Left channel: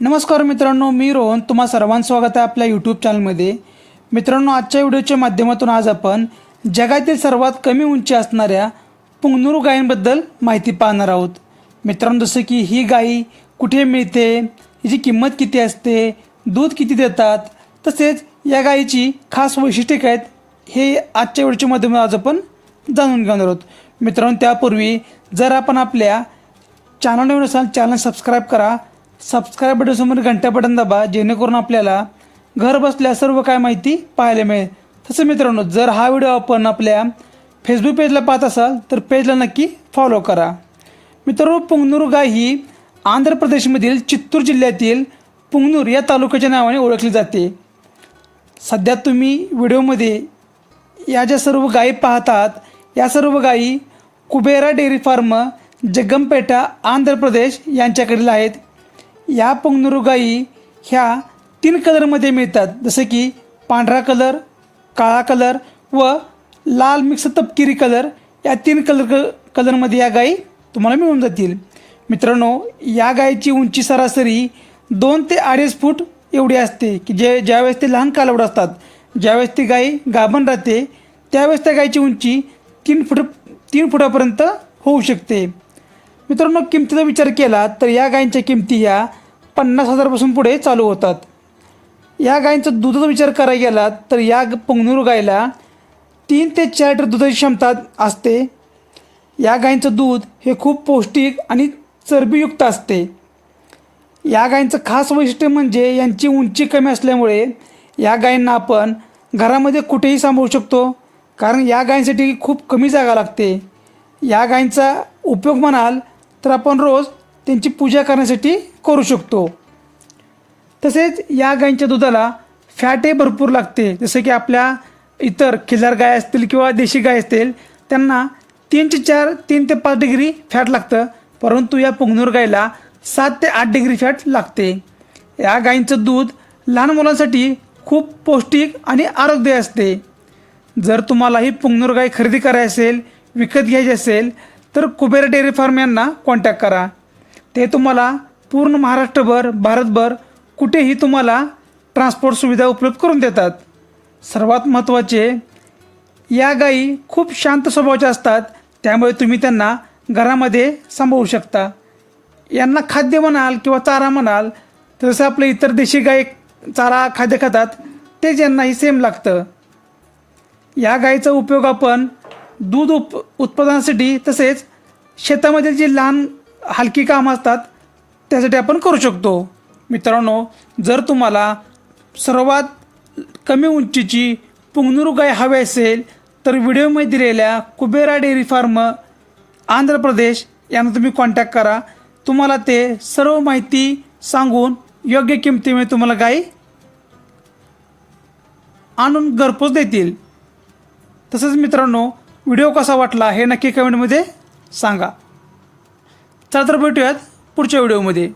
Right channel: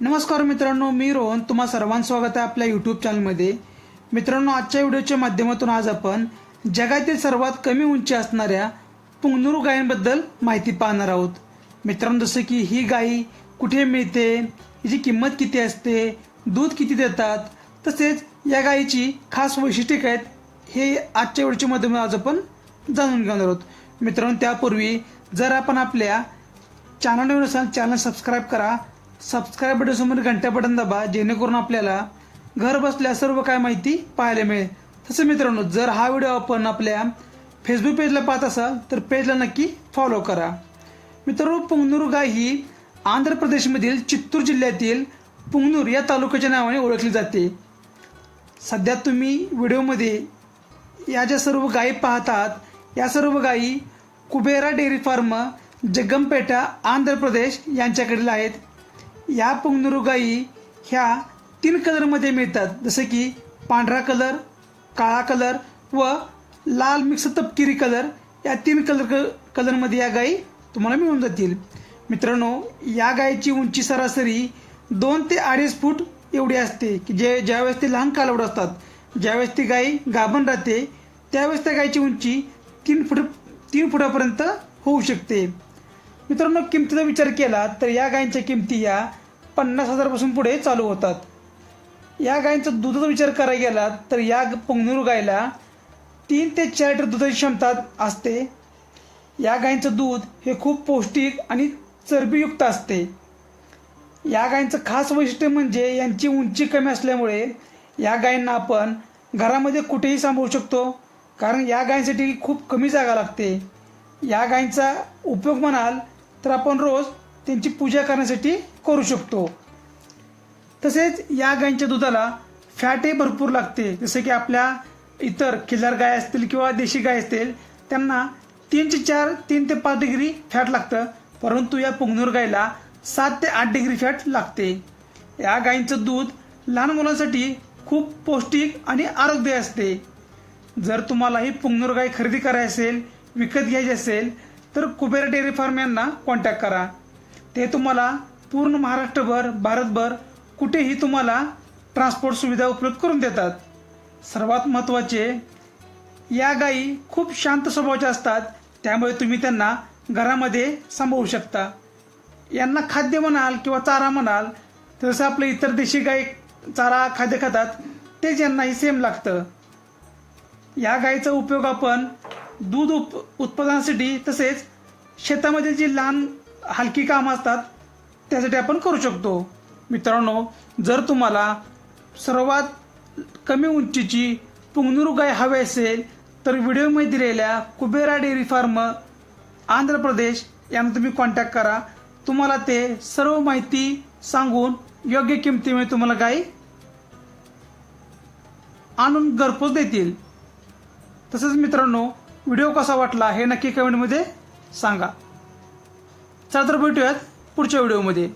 नमस्कार मित्रांनो मी रोहन. तुम्हा सर्वांचं स्वागत आहे आपल्या यूट्यूब चॅनलमध्ये मित्रांनो आजच्या व्हिडिओच्या माध्यमातून आज आपण जगातील सर्वात कमी उंची असणाऱ्या पुंगनुरू गायींबद्दल माहिती पाहणार आहोत. मित्रांनो जसं की ही गाई कुठे मिळते हिची किंमत किती असते दूध किती देतात तसेच या गायीची खास वैशिष्ट्ये काय आहेत हे आजच्या व्हिडिओच्या माध्यमातून आज आपण जाणून घेणार आहोत. मित्रांनो त्यापूर्वी जर आपण आपल्या चॅनलवर असाल चॅनल सबस्क्राईब करा. सबस्क्राईब बटनसमोर घंटा बटन दाबा जेणेकरून आपल्याला घर बसल्या सर्व काय माहिती पाहायला मिळेल. तसं मित्रांनो जर हा व्हिडिओ आपण आपल्या फेसबुक पेजला पाहत असाल तर पेजला नक्की फॉलो करा. मित्रांनो पुंगनूर गाय ही आंध्र प्रदेशमधील चित्तूर जिल्ह्यातील पुंगनूर या तालुक्याच्या नावाने ओळखली जाते. सध्या तुम्ही व्हिडिओमध्ये या ज्या सर्व गायी पाहतात या सर्व गायी कुबेरा डेअरी फार्म जगमपेटा आंध्र प्रदेश यांच्याकडील आहेत. या पंगनुरू गाई ह्या तीन कलरमध्ये मिळतात. जसं की पांढरा कलर काळा कलर व लाल मिक्स तपकिरी कलर या तीन कलर कलरमध्ये या गायी तुम्हाला मिळून जातील. मित्रांनो या गायीची उंची सरासरी दोन ते अडीच फूट एवढी असते की जे ज्यावेळेस ते लहान कालवड असतात ज्यावेळेस ती गाय गाभण राहते त्यावेळेस त्या गायीची उंची तीन फूट तीन फुटापर्यंत होऊ शकते. मित्रांनो किमतीचा विचार केला तर या गायींच्या किमती या पन्नास हजारपासून पुढे चालू होतात. या गायींचा दुधाचा विचार करायला गेला तर या पंगनूर गायला तीन ते चार लिटर दुधाची क्षमता असते. या गायींचं दूध हे खूप पौष्टिक आणि चरबीयुक्त असते. या गायींचं खास वैशिष्ट्य म्हणजे यांची उंची कमी असल्यामुळे या गायींना आपण घरामध्ये कुठेही सांभाळू शकतो कारण या गायींसाठी खूप कमी जागा लागते. या गायींचा उपयोग म्हणाल तर आपण रोज त्यांची पूजा करण्यासाठी करू शकतो. तसेच या गायींच्या दुधाला फॅटही भरपूर लागते. जसं की आपल्या इतर खिल्लार गाय असतील किंवा देशी गाय असतील त्यांना तीन ते चार तीन ते पाच डिग्री फॅट लागतं. परंतु या पुंगनूर गायला सात ते आठ डिग्री फॅट लागते. या गायींचं दूध लहान मुलांसाठी खूप पौष्टिक आणि आरोग्य असते. जर तुम्हाला ही पुंगनूर गाय खरेदी करायची असेल विकत घ्यायची असेल तर कुबेर डेअरी फार्म यांना कॉन्टॅक्ट करा. ते तुम्हाला पूर्ण महाराष्ट्रभर भारतभर कुठेही तुम्हाला ट्रान्सपोर्ट सुविधा उपलब्ध करून देतात. सर्वात महत्त्वाचे या गायी खूप शांत स्वभावाच्या असतात त्यामुळे तुम्ही त्यांना घरामध्ये सांभाळू शकता. यांना खाद्य म्हणाल किंवा चारा म्हणाल जसं आपले इतर देशी गाय चारा खाद्य खातात तेच यांनाही सेम लागतं. या गायीचा उपयोग आपण दूध उप उत्पादनासाठी तसेच शेतामध्ये जी लहान हलकी कामं असतात त्यासाठी आपण करू शकतो. मित्रांनो जर तुम्हाला सर्वात कमी उंचीची पुंगनुरू गाय हवी असेल तर व्हिडिओमध्ये दिलेल्या कुबेरा डेअरी फार्म आंध्र प्रदेश यांना तुम्ही कॉन्टॅक्ट करा. तुम्हाला ते सर्व माहिती सांगून योग्य किमतीमध्ये तुम्हाला गाय आणून घरपोच देतील. तसंच मित्रांनो व्हिडिओ कसा वाटला हे नक्की कमेंटमध्ये सांगा. चला तर भेटूयात पुढच्या व्हिडिओमध्ये.